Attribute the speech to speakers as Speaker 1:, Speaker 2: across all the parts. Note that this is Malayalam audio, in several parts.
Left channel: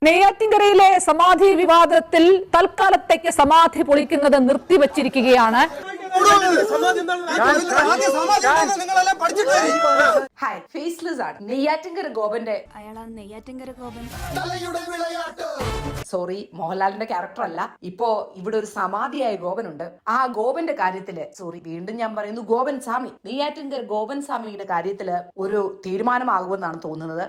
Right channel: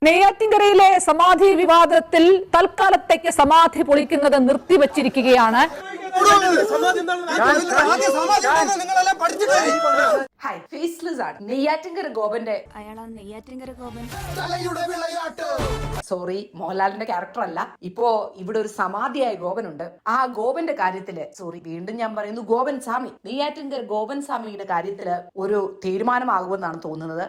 Speaker 1: നെയ്യാറ്റിൻകരയിലെ സമാധി വിവാദത്തിൽ തൽക്കാലത്തേക്ക് സമാധി പൊളിക്കുന്നത് നിർത്തിവച്ചിരിക്കുകയാണ്.
Speaker 2: നെയ്യാറ്റിൻകര ഗോപന്റെ സോറി മോഹൻലാലിന്റെ ക്യാരക്ടർ അല്ല. ഇപ്പോ ഇവിടെ ഒരു സമാധിയായ ഗോപനുണ്ട്. ആ ഗോപന്റെ കാര്യത്തില് വീണ്ടും ഞാൻ പറയുന്നു, ഗോപൻ സ്വാമി, നെയ്യാറ്റിൻകര ഗോപൻ സ്വാമിയുടെ കാര്യത്തില് ഒരു തീരുമാനമാകുമെന്നാണ് തോന്നുന്നത്.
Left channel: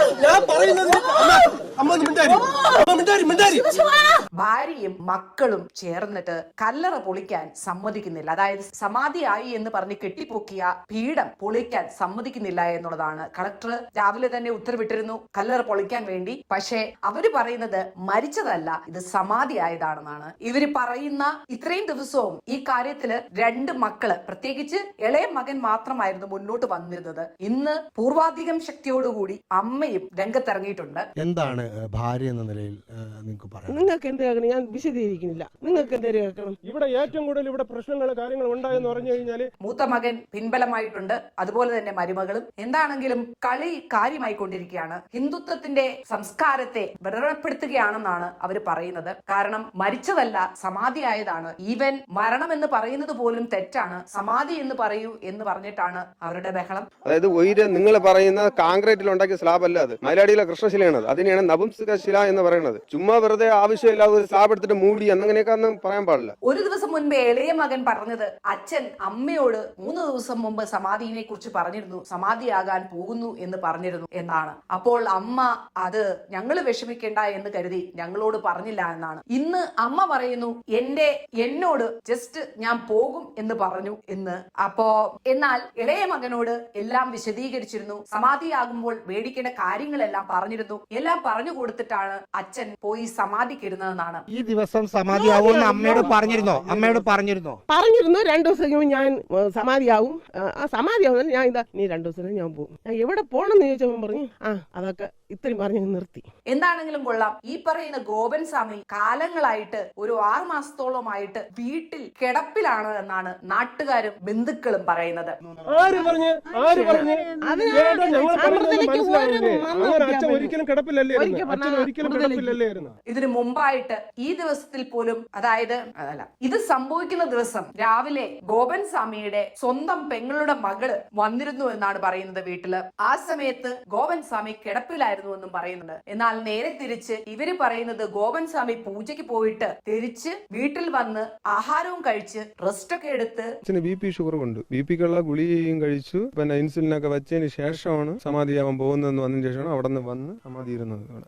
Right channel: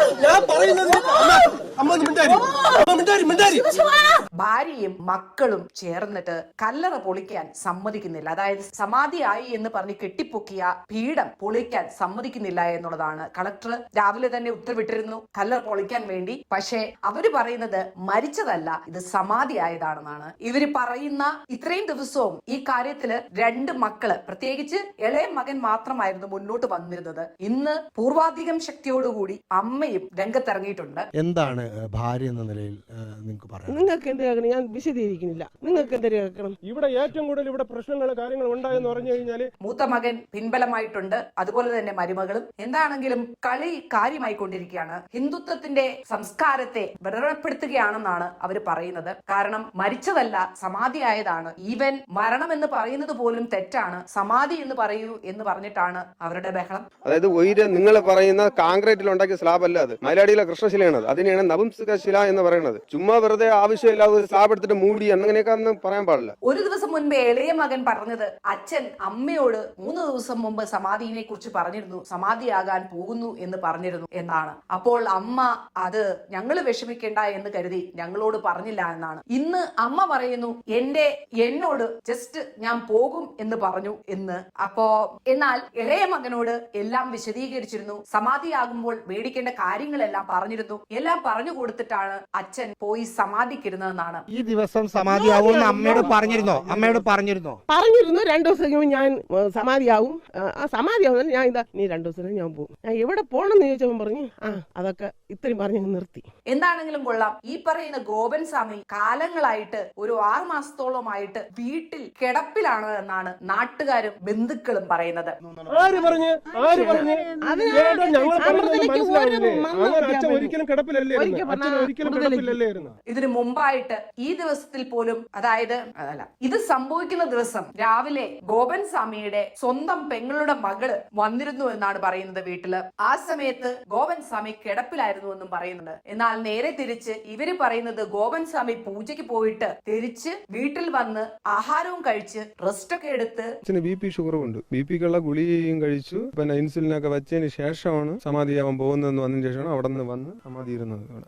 Speaker 2: ഭാര്യയും മക്കളും ചേർന്നിട്ട് കല്ലറ പൊളിക്കാൻ സമ്മതിക്കുന്നില്ല. അതായത് സമാധിയായി എന്ന് പറഞ്ഞ് കെട്ടിപ്പൊക്കിയ പീഠം പൊളിക്കാൻ സമ്മതിക്കുന്നില്ല എന്നുള്ളതാണ്. കളക്ടർ രാവിലെ തന്നെ ഉത്തരവിട്ടിരുന്നു കല്ലറ പൊളിക്കാൻ വേണ്ടി. പക്ഷേ അവര് പറയുന്നത് മരിച്ചതല്ല, ഇത് സമാധിയായതാണെന്നാണ് ഇവര് പറയുന്ന. ഇത്രയും ദിവസവും ഈ കാര്യത്തില് രണ്ട് മക്കള്, പ്രത്യേകിച്ച് ഇളയ മകൻ മാത്രമായിരുന്നു മുന്നോട്ട് വന്നിരുന്നത്. ഇന്ന് പൂർവാധികം ശക്തിയോടുകൂടി അമ്മയും രംഗത്തിറങ്ങിയിട്ടുണ്ട്.
Speaker 3: എന്താണ് ഭാര്യ എന്ന നിലയിൽ
Speaker 4: നിങ്ങൾക്ക് എന്താ ഞാൻ വിശദീകരിക്കുന്നില്ല. നിങ്ങൾക്ക് എന്താ
Speaker 5: ഇവിടെ ഏറ്റവും കൂടുതൽ ഇവിടെ പ്രശ്നങ്ങൾ കാര്യങ്ങൾ ഉണ്ടായെന്ന് പറഞ്ഞു കഴിഞ്ഞാല്
Speaker 2: മൂത്ത മകൻ പിൻബലമായിട്ടുണ്ട്, അതുപോലെ തന്നെ മരുമകളും. എന്താണെങ്കിലും കളി കാര്യമായി കൊണ്ടിരിക്കുകയാണ്. ഹിന്ദുത്വത്തിന്റെ സംസ്കാരത്തെ വിരളപ്പെടുത്തുകയാണെന്നാണ് അവര് പറയുന്നത്. കാരണം മരിച്ചതല്ല, സമാധിയായതാണ്. ഈവൻ മരണം എന്ന് പറയുന്നത് പോലും തെറ്റാണ്, സമാധി എന്ന് പറയൂ എന്ന് പറഞ്ഞിട്ടാണ് അവരുടെ ബഹളം.
Speaker 5: അതായത് നിങ്ങൾ പറയുന്ന കോൺക്രീറ്റിൽ ഉണ്ടാക്കിയ സ്ലാബ് അല്ല, അത് മലയാളിയിലെ കൃഷ്ണശിലയാണ്. അതിനെയാണ് നപുംസക ശില എന്ന് പറയുന്നത്. ചുമ്മാ വെറുതെ ആവശ്യമില്ലാതെ ഒരു സ്ലാബ് എടുത്തിട്ട് മൂടി അങ്ങനെയൊക്കെ പറയാൻ പാടില്ല.
Speaker 2: ഒരു ദിവസം മുൻപേ ഇളയ മകൻ പറഞ്ഞത് അച്ഛൻ അമ്മയോട് 3 ദിവസം മുമ്പ് സമാധിയെ കുറിച്ച് പറഞ്ഞിരുന്നു, സമാധിയാകാൻ പോകുന്നു എന്ന് പറഞ്ഞിരുന്നു എന്നാണ്. അപ്പോൾ അമ്മ അത് ഞങ്ങള് വിഷമിക്കേണ്ട എന്ന് കരുതി ഞങ്ങളോട് പറഞ്ഞില്ല എന്നാണ്. ഇന്ന് അമ്മ പറയുന്നു എന്നോട് ജസ്റ്റ് ഞാൻ പോകും എന്ന് പറഞ്ഞു എന്ന്. അപ്പോ എന്നാൽ ഇളയ മകനോട് എല്ലാം വിശദീകരിച്ചിരുന്നു, സമാധിയാകുമ്പോൾ മേടിക്കേണ്ട കാര്യങ്ങളെല്ലാം പറഞ്ഞിരുന്നു. എല്ലാം പറഞ്ഞു കൊടുത്തിട്ടാണ് അച്ഛൻ പോയി സമാധിക്കിരുന്നതെന്നാണ്.
Speaker 3: ഈ ദിവസം സമാധിയാവുമെന്ന് അമ്മയോട് പറഞ്ഞിരുന്നു.
Speaker 4: 2 ദിവസം ഞാൻ സമാധിയാവും. ആ സമാധിയാവുന്ന ഞാൻ നീ 2 ദിവസം ഞാൻ പോകും. ഞാൻ എവിടെ പോണെന്ന് ചോദിച്ചവൻ പറഞ്ഞു അതൊക്കെ ഇത്രയും പറഞ്ഞു നിർത്തി.
Speaker 2: എന്താണെങ്കിലും കൊള്ളാം, ഈ പറയുന്ന ഗോപൻ സ്വാമി കാലങ്ങളായിട്ട് ഒരു 6 മാസത്തോളമായിട്ട് വീട്ടിൽ കിടപ്പിലാണ് എന്നാണ് നാട്ടുകാരും ബന്ധുക്കളും പറയുന്നത്. ഇതിനു മുമ്പായിട്ട് ഈ ദിവസത്തിൽ പോലും, അതായത് ഇത് സംഭവിക്കുന്ന ദിവസം രാവിലെ ഗോപൻ സ്വാമിയുടെ സ്വന്തം പെങ്ങളുടെ മകള് വന്നിരുന്നു എന്നാണ് പറയുന്നത് വീട്ടില്. ആ സമയത്ത് ഗോപൻ സ്വാമി കിടപ്പിലായിരുന്നു എന്നും പറയുന്നുണ്ട്. എന്നാൽ നേരെ തിരിച്ച് ഇവര് പറയുന്നത് ഗോപൻ സ്വാമി പൂജയ്ക്ക് പോയിട്ട് തിരിച്ച് വീട്ടിൽ വന്ന് ആഹാരവും കഴിച്ച് റെസ്റ്റ് ഒക്കെ എടുത്ത്
Speaker 5: BP ഷുഗർ ഉണ്ട്, BPക്കുള്ള ഗുളികയും കഴിച്ചു, പിന്നെ ഇൻസുലിനൊക്കെ വെച്ചതിന് ശേഷമാണ് സമാധിയാവാൻ പോകുന്നതെന്ന് വന്നതിന് ശേഷമാണ് അവിടെ നിന്ന് വന്ന് സമാധി ഇരുന്നത്.